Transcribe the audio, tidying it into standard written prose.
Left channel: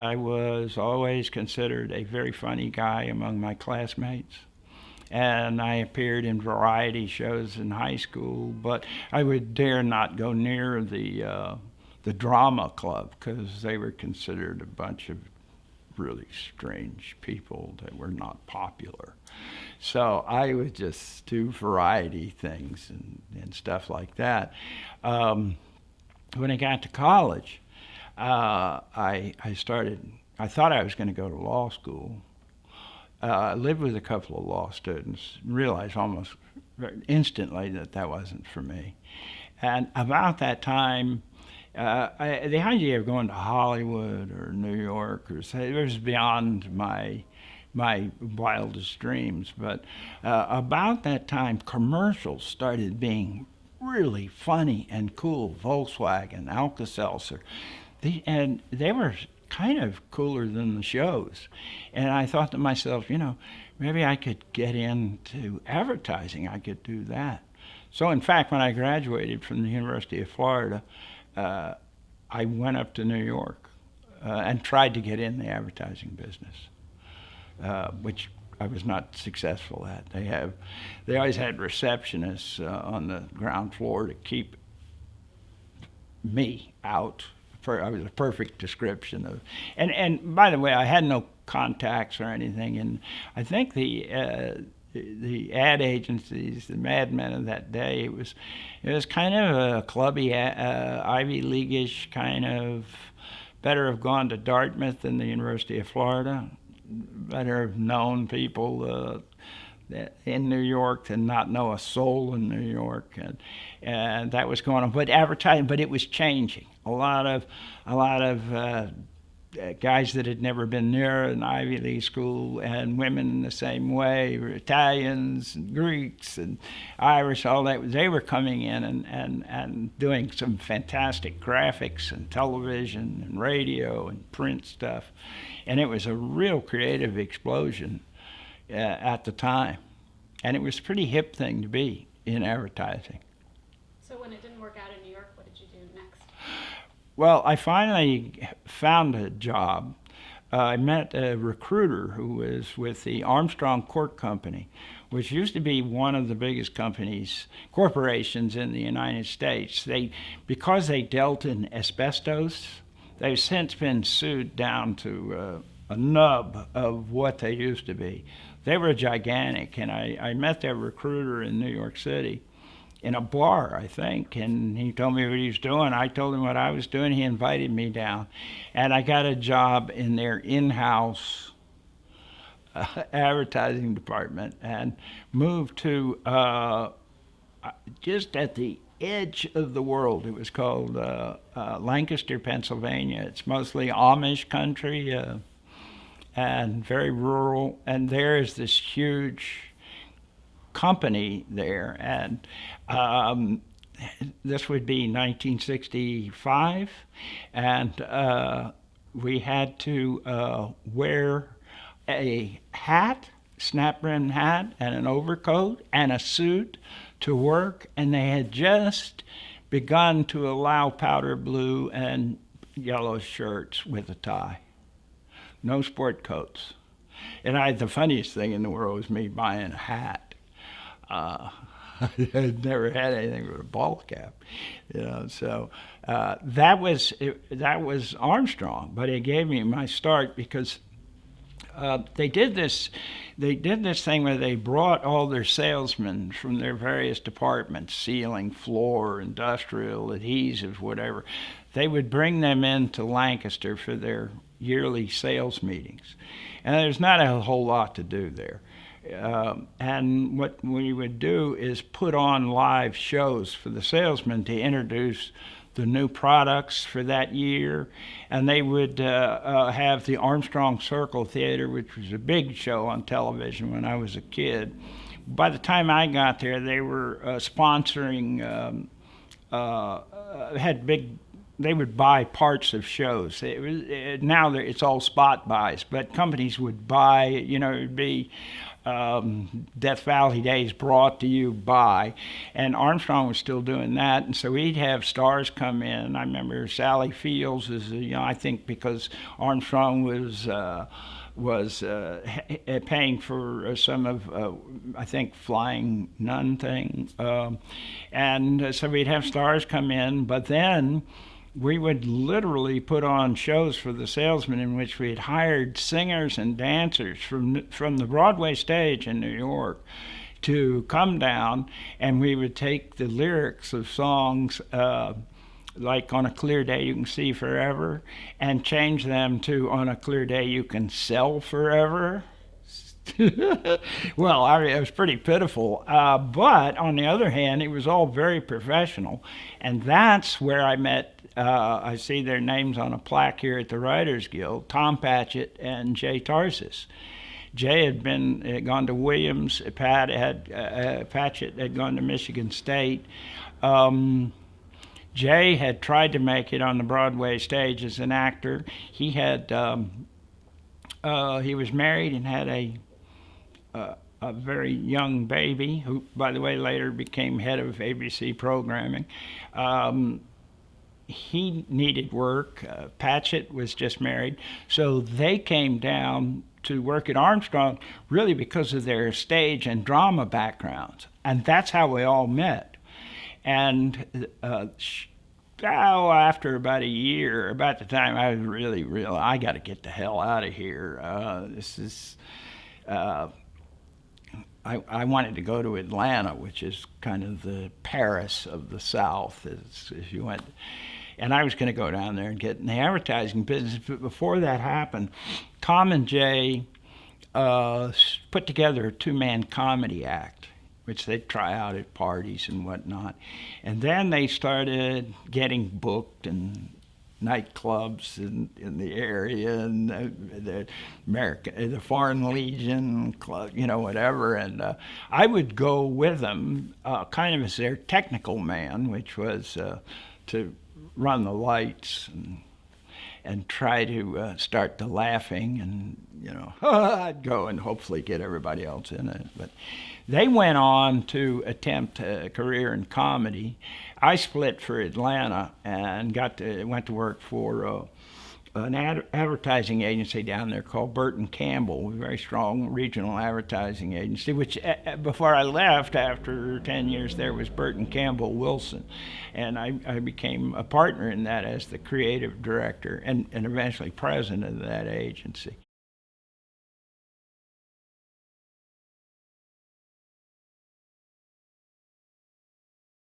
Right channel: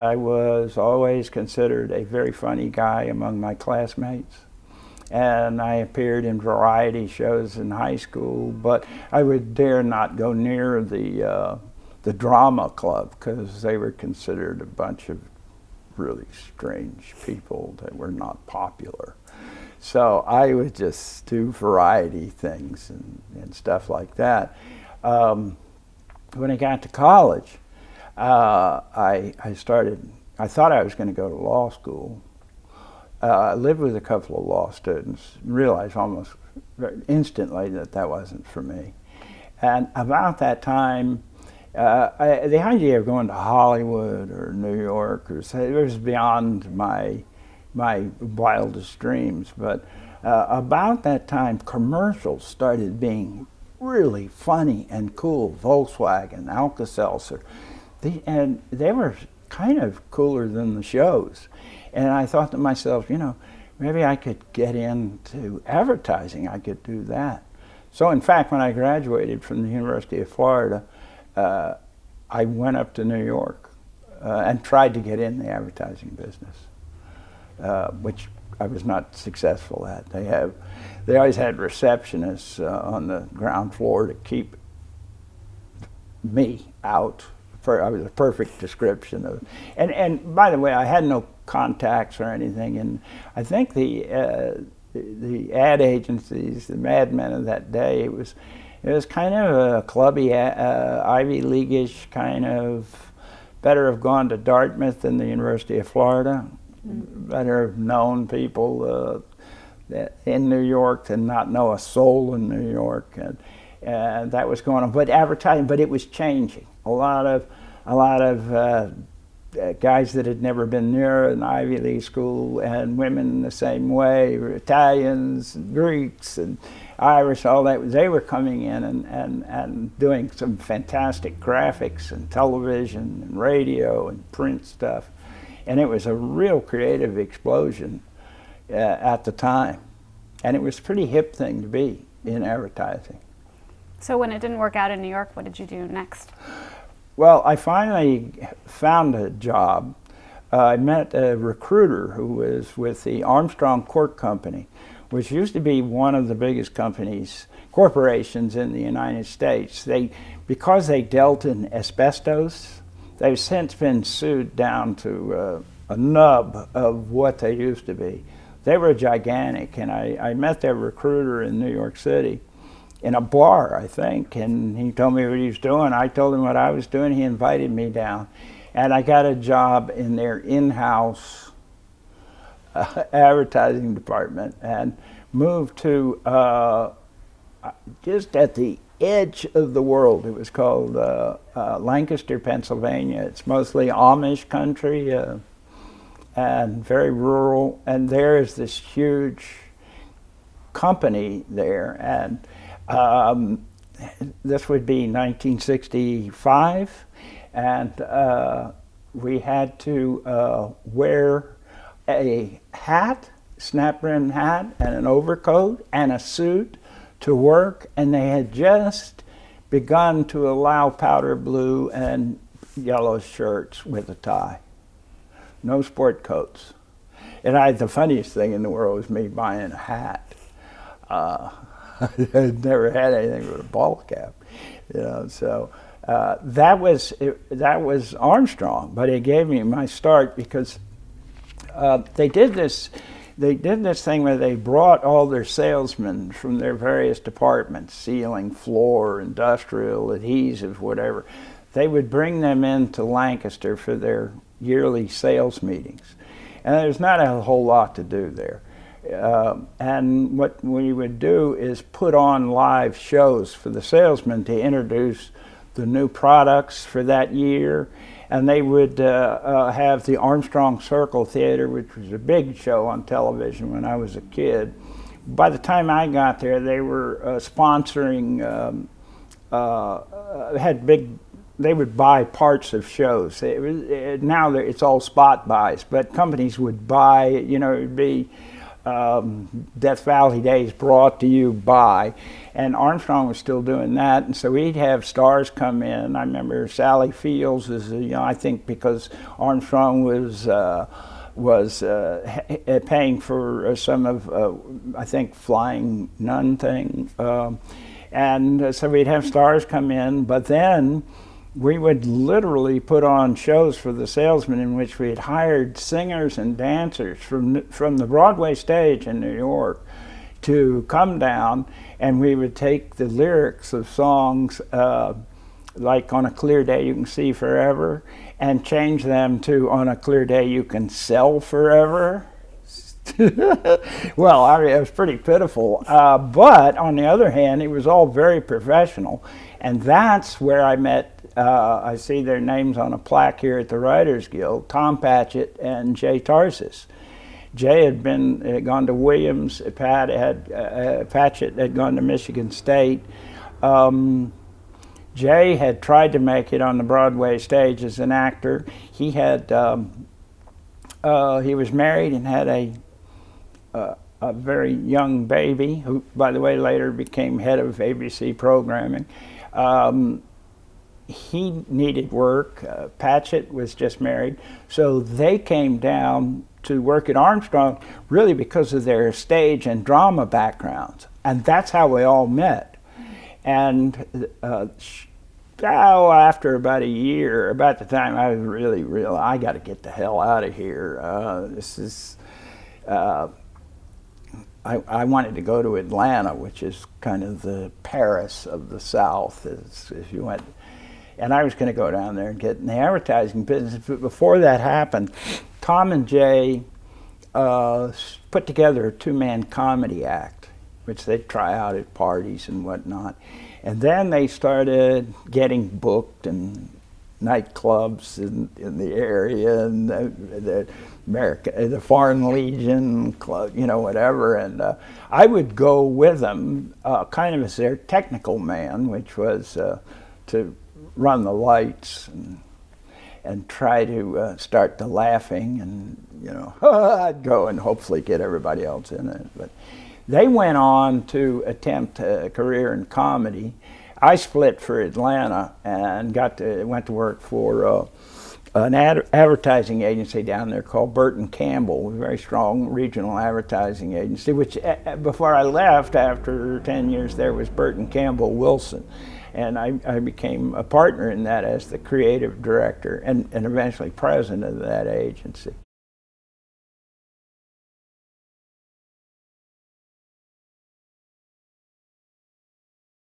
I was always considered a very funny guy among my classmates, and I appeared in variety shows in high school, but I would dare not go near the drama club because they were considered a bunch of really strange people that were not popular. So I would just do variety things and stuff like that. Um, when I got to college, I started, I thought I was going to go to law school. I lived with a couple of law students, realized almost instantly that that wasn't for me. And about that time, the idea of going to Hollywood or New York or say, it was beyond my wildest dreams. But about that time, commercials started being really funny and cool. Volkswagen, Alka-Seltzer, and they were kind of cooler than the shows. And I thought to myself, maybe I could get into advertising. I could do that. So, in fact, when I graduated from the University of Florida, uh, I went up to New York and tried to get in the advertising business, which I was not successful at. They always had receptionists on the ground floor to keep me out. I was a perfect description of, and by the way, I had no contacts or anything, and I think the ad agencies, the madmen of that day, it was kind of a clubby, Ivy League-ish kind of. Better have gone to Dartmouth than the University of Florida. Better have known people in New York than not know a soul in New York, and that was going on. But advertising, but it was changing. A lot of guys that had never been near an Ivy League school, and women the same way, Italians and Greeks and Irish, all that, they were coming in and doing some fantastic graphics and television and radio and print stuff. And it was a real creative explosion at the time. And it was a pretty hip thing to be in advertising. So when it didn't work out in New York, what did you do next? Well, I finally found a job. I met a recruiter who was with the Armstrong Cork Company, which used to be one of the biggest corporations in the United States. Because they dealt in asbestos, they've since been sued down to a nub of what they used to be. They were gigantic, and I met their recruiter in New York City in a bar, I think, and he told me what he was doing. I told him what I was doing. He invited me down, and I got a job in their in-house advertising department and moved to just at the edge of the world. It was called Lancaster, Pennsylvania. It's mostly Amish country and very rural, and there is this huge company there, and this would be 1965, and we had to wear a hat, snap-brim hat, and an overcoat, and a suit to work, and they had just begun to allow powder blue and yellow shirts with a tie. No sport coats. And the funniest thing in the world was me buying a hat. I'd never had anything with a ball cap, So that was Armstrong, but it gave me my start because they did this thing where they brought all their salesmen from their various departments, ceiling, floor, industrial, adhesives, whatever. They would bring them into Lancaster for their yearly sales meetings, and there's not a whole lot to do there. And what we would do is put on live shows for the salesmen to introduce the new products for that year. And they would have the Armstrong Circle Theater, which was a big show on television when I was a kid. By the time I got there, they were sponsoring, had big, they would buy parts of shows. Now it's all spot buys, but companies would buy, it'd be Death Valley Days brought to you by, and Armstrong was still doing that, and so we'd have stars come in. I remember Sally Fields is, I think because Armstrong was paying for some of, I think, Flying Nun thing, and so we'd have stars come in, but then we would literally put on shows for the salesmen in which we had hired singers and dancers from the Broadway stage in New York to come down, and we would take the lyrics of songs like On a Clear Day You Can See Forever and change them to On a Clear Day You Can Sell Forever. Well, I mean, it was pretty pitiful. But on the other hand, it was all very professional. And that's where I met, I see their names on a plaque here at the Writers Guild, Tom Patchett and Jay Tarsis. Jay had gone to Williams, Patchett had gone to Michigan State. Jay had tried to make it on the Broadway stage as an actor. He was married and had a very young baby, who, by the way, later became head of ABC programming. He needed work. Patchett was just married. So they came down to work at Armstrong really because of their stage and drama backgrounds. And that's how we all met. And after about a year, about the time I was really I got to get the hell out of here. I wanted to go to Atlanta, which is kind of the Paris of the South, as you went. And I was going to go down there and get in the advertising business. But before that happened, Tom and Jay put together a two-man comedy act, which they'd try out at parties and whatnot. And then they started getting booked in nightclubs in the area, and the Foreign Legion Club, whatever. And I would go with them, kind of as their technical man, which was to run the lights and try to start the laughing, and I'd go and hopefully get everybody else in it. But they went on to attempt a career in comedy. I split for Atlanta and went to work for an advertising agency down there called Burton Campbell, a very strong regional advertising agency, which before I left, after 10 years there, was Burton Campbell Wilson. And I became a partner in that as the creative director and eventually president of that agency.